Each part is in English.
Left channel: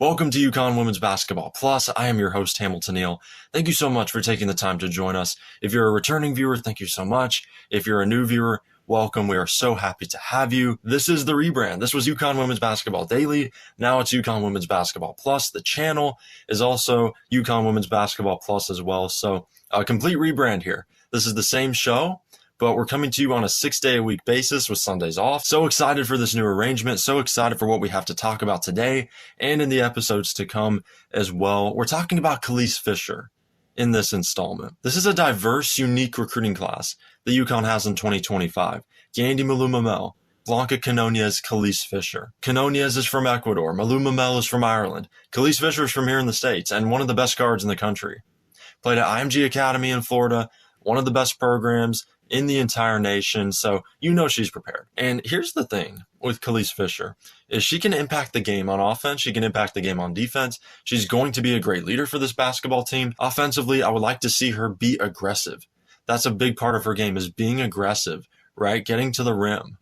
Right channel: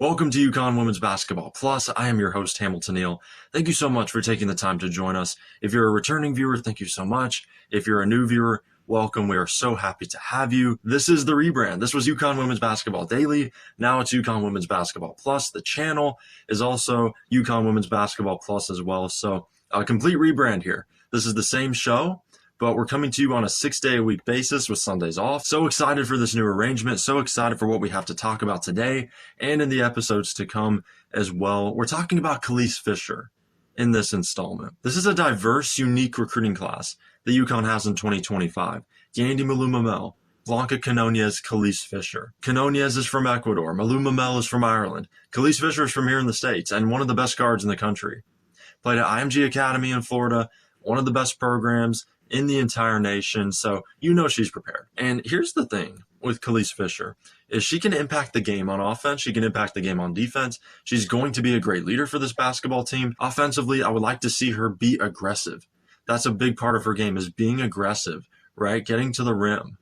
Welcome to UConn Women's Basketball Plus. I am your host, Hamilton Neal. Thank you so much for taking the time to join us. If you're a returning viewer, thank you so much. If you're a new viewer, welcome. We are so happy to have you. This is the rebrand. This was UConn Women's Basketball Daily. Now it's UConn Women's Basketball Plus. The channel is also UConn Women's Basketball Plus as well. So a complete rebrand here. This is the same show, but we're coming to you on a 6-day-a-week basis with Sundays off. So excited for this new arrangement. So excited for what we have to talk about today and in the episodes to come as well. We're talking about Kelis Fischer in this installment. This is a diverse, unique recruiting class that UConn has in 2025. Gandhi Malumamel, Blanca Canoniez, Kelis Fischer. Canoniez is from Ecuador. Malumamel is from Ireland. Kelis Fischer is from here in the States and one of the best guards in the country. Played at IMG Academy in Florida, one of the best programs in the entire nation, so you know she's prepared. And here's the thing with Kelis Fischer, is she can impact the game on offense, she can impact the game on defense. She's going to be a great leader for this basketball team. Offensively, I would like to see her be aggressive. That's a big part of her game, is being aggressive, right? Getting to the rim,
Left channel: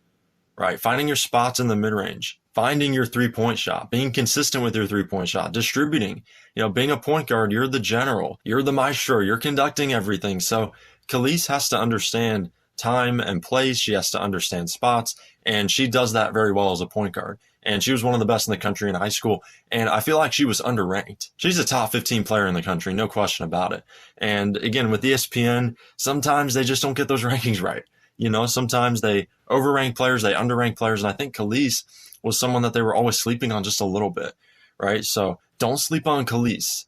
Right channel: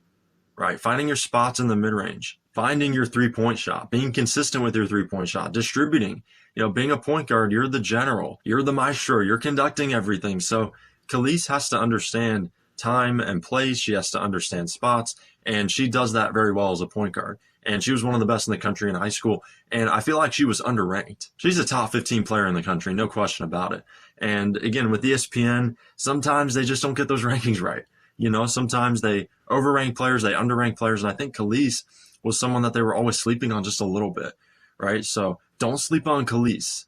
right? Finding your spots in the mid-range, finding your three-point shot, being consistent with your three-point shot, distributing. You know, being a point guard, you're the general, you're the maestro, you're conducting everything. So Kelis has to understand time and place. She has to understand spots, and she does that very well as a point guard. And she was one of the best in the country in high school, and I feel like she was underranked. She's a top 15 player in the country, no question about it. And again, with ESPN, sometimes they just don't get those rankings right. You know, sometimes they overrank players, they underrank players, and I think Kelis was someone that they were always sleeping on just a little bit, right? So don't sleep on Kelis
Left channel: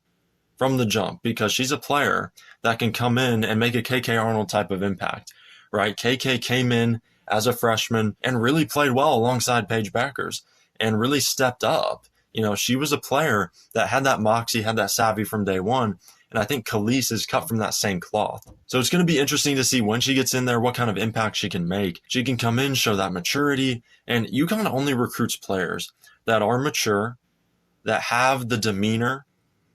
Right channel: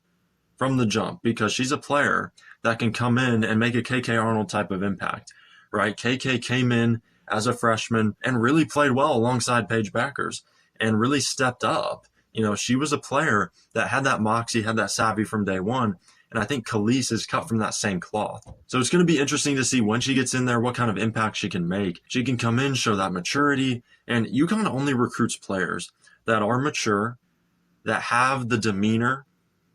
from the jump, because she's a player that can come in and make a KK Arnold type of impact, right? KK came in as a freshman and really played well alongside Paige Bueckers and really stepped up. You know, she was a player that had that moxie, had that savvy from day one. And I think Kelis is cut from that same cloth. So it's going to be interesting to see when she gets in there, what kind of impact she can make. She can come in, show that maturity. And UConn only recruits players that are mature, that have the demeanor,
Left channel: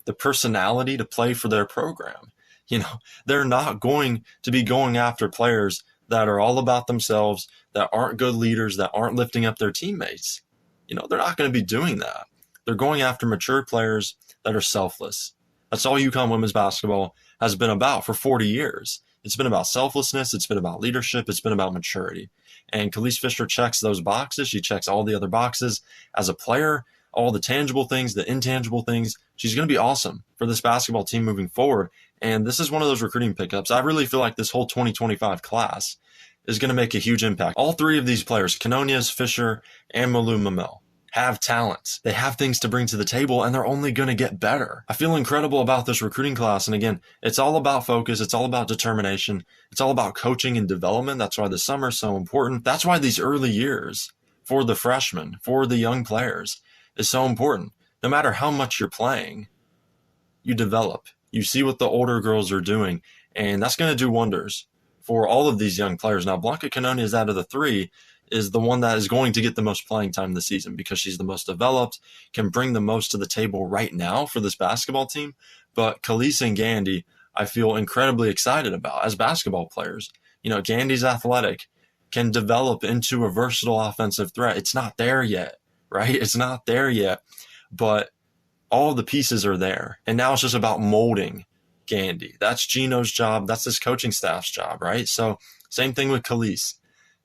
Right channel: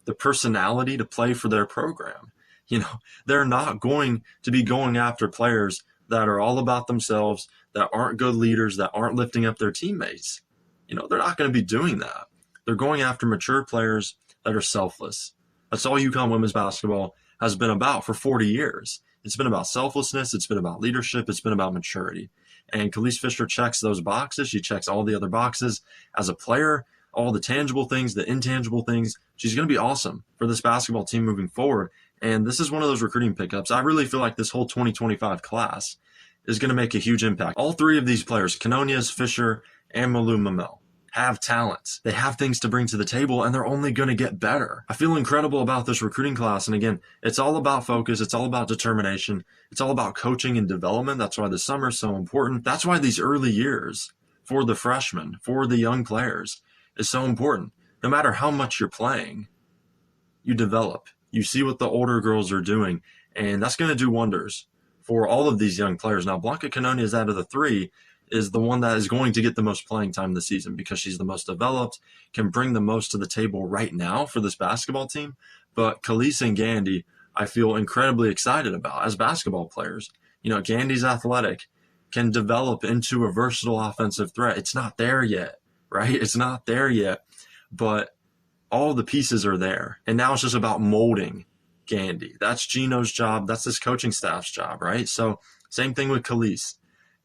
the personality to play for their program. You know, they're not going to be going after players that are all about themselves, that aren't good leaders, that aren't lifting up their teammates. You know, they're not going to be doing that. They're going after mature players that are selfless. That's all UConn women's basketball has been about for 40 years. It's been about selflessness. It's been about leadership. It's been about maturity. And Kelis Fischer checks those boxes. She checks all the other boxes as a player, all the tangible things, the intangible things. She's going to be awesome for this basketball team moving forward. And this is one of those recruiting pickups. I really feel like this whole 2025 class is going to make a huge impact. All three of these players, Canoniez, Fischer, and Malumamel, have talents. They have things to bring to the table, and they're only going to get better. I feel incredible about this recruiting class. And again, it's all about focus. It's all about determination. It's all about coaching and development. That's why the summer is so important. That's why these early years for the freshmen, for the young players, is so important. No matter how much you're playing, you develop. You see what the older girls are doing, and that's going to do wonders for all of these young players. Now, Blanca Canoniez out of the three is the one that is going to get the most playing time this season because she's the most developed, can bring the most to the table right now for this basketball team. But Kelis and Gandhi, I feel incredibly excited about as basketball players. You know, Gandhi's athletic, can develop into a versatile offensive threat. It's not there yet, right? It's not there yet, but all the pieces are there. And now it's just about molding Gandhi. That's Geno's job. That's his coaching staff's job, right? So same thing with Kelis.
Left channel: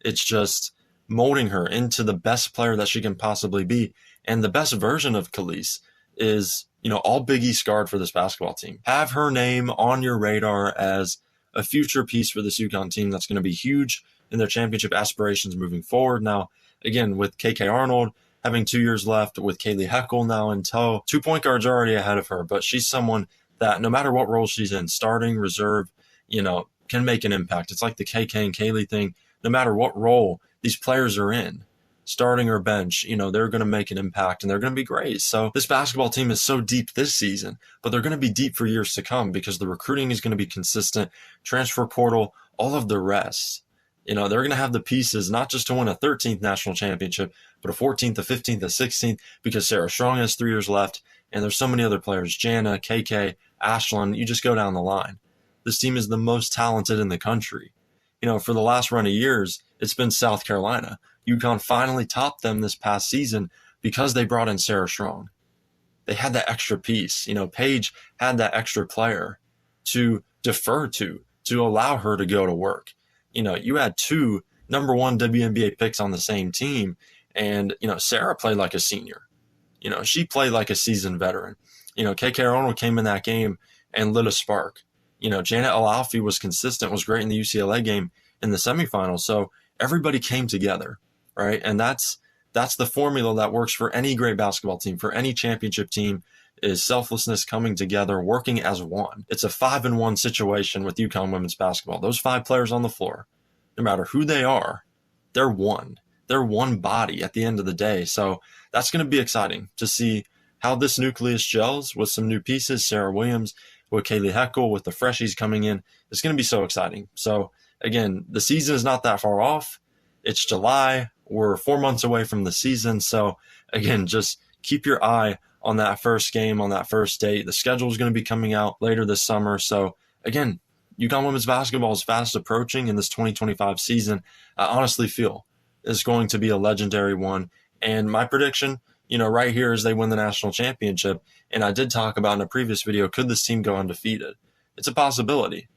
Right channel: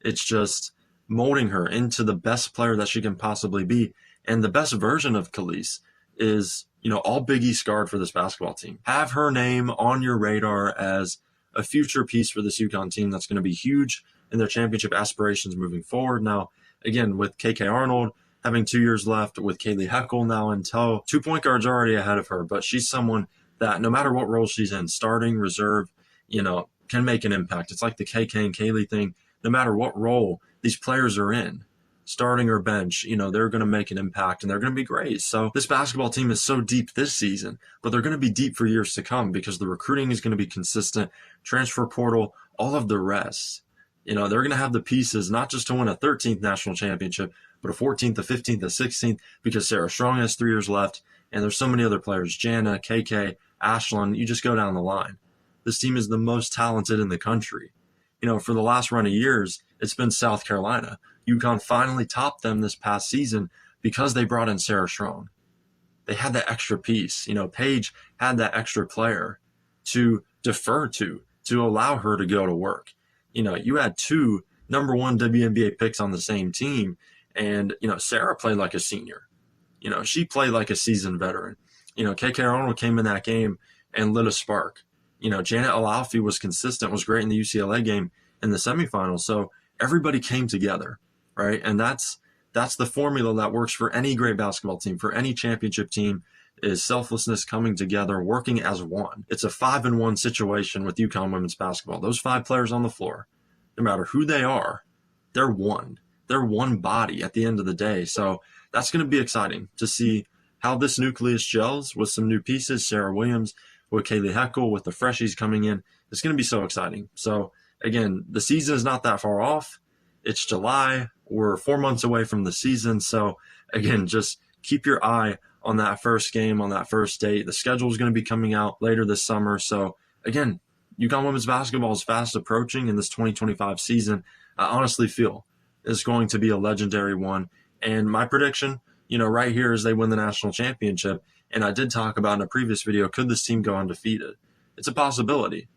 It's just molding her into the best player that she can possibly be. And the best version of Kelis is, you know, all Big East guard for this basketball team. Have her name on your radar as a future piece for this UConn team that's going to be huge in their championship aspirations moving forward. Now, again, with KK Arnold having 2 years left, with Kaylee Heckel now in tow, 2 point guards already ahead of her, but she's someone that no matter what role she's in, starting, reserve, you know, can make an impact. It's like the KK and Kaylee thing. No matter what role these players are in, starting or bench, you know, they're going to make an impact and they're going to be great. So this basketball team is so deep this season, but they're going to be deep for years to come because the recruiting is going to be consistent, transfer portal, all of the rest. You know, they're going to have the pieces, not just to win a 13th national championship, but a 14th, a 15th, a 16th, because Sarah Strong has 3 years left, and there's so many other players, Jana, KK, Ashlyn, you just go down the line. This team is the most talented in the country. You know, for the last run of years, it's been South Carolina. UConn finally topped them this past season because they brought in Sarah Strong. they had that extra piece. Paige had that extra player to defer to allow her to go to work. You had 2 number 1 WNBA picks on the same team, and Sarah played like a senior. She played like a seasoned veteran. KK Arnold came in that game and lit a spark. Janet Alalfi was consistent, was great in the UCLA game in the semifinals. So everybody came together, right? And that's the formula that works for any great basketball team, for any championship team, is selflessness, coming together, working as one. It's a 5-in-1 situation with UConn women's basketball. Those 5 players on the floor, no matter who they are, they're one. They're one body at the end of the day. So that's going to be exciting to see how this nucleus gels with some new pieces. Sarah Williams, with Kaylee Heckel, with the freshies coming in. It's going to be so exciting. So again, the season is not that far off. It's July. We're 4 months away from the season. So again, just keep your eye on that first game, on that first date. The schedule is going to be coming out later this summer. So again, UConn women's basketball is fast approaching, in this 2025 season, I honestly feel is going to be a legendary one. And my prediction, right here, is they win the national championship. And I did talk about in a previous video, could this team go undefeated? It's a possibility.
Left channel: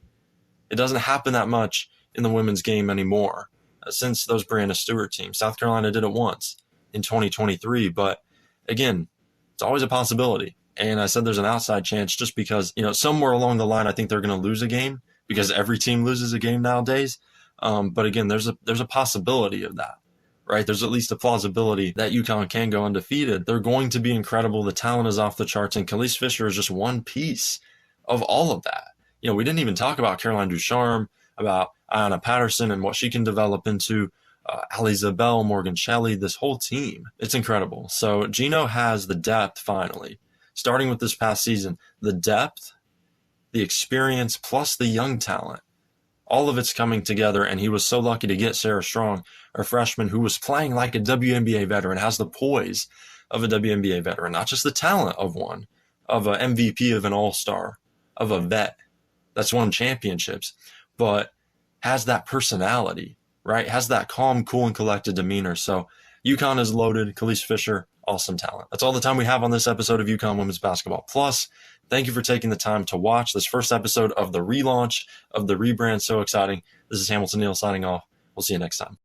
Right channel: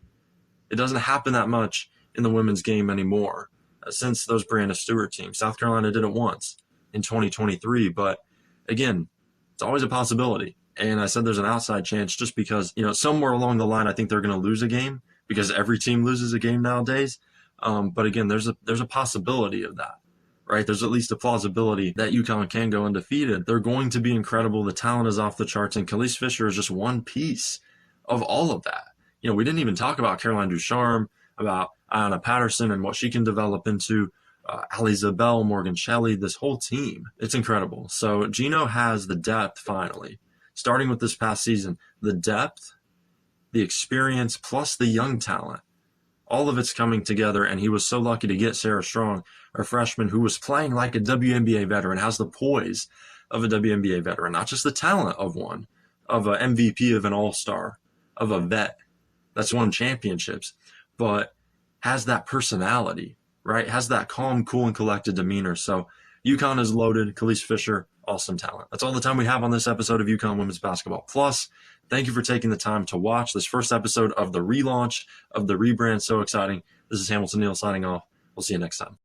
It doesn't happen that much in the women's game anymore since those Brianna Stewart teams. South Carolina did it once in 2023, but again, it's always a possibility. And I said there's an outside chance just because, somewhere along the line, I think they're going to lose a game, because every team loses a game nowadays. But again, there's a possibility of that, right? There's at least a plausibility that UConn can go undefeated. They're going to be incredible. The talent is off the charts, and Kelis Fischer is just one piece of all of that. We didn't even talk about Caroline Ducharme, about Ayanna Patterson and what she can develop into, Ali Zabel, Morgan Shelley, this whole team. It's incredible. So Geno has the depth finally, starting with this past season, the depth, the experience, plus the young talent. All of it's coming together, and he was so lucky to get Sarah Strong, a freshman who was playing like a WNBA veteran, has the poise of a WNBA veteran, not just the talent of one, of an MVP, of an all-star, of a vet that's won championships, but has that personality, right? Has that calm, cool, and collected demeanor. So UConn is loaded. Kelis Fischer, awesome talent. That's all the time we have on this episode of UConn Women's Basketball Plus. Thank you for taking the time to watch this first episode of the relaunch, of the rebrand. So exciting. This is Hamilton Neal signing off. We'll see you next time.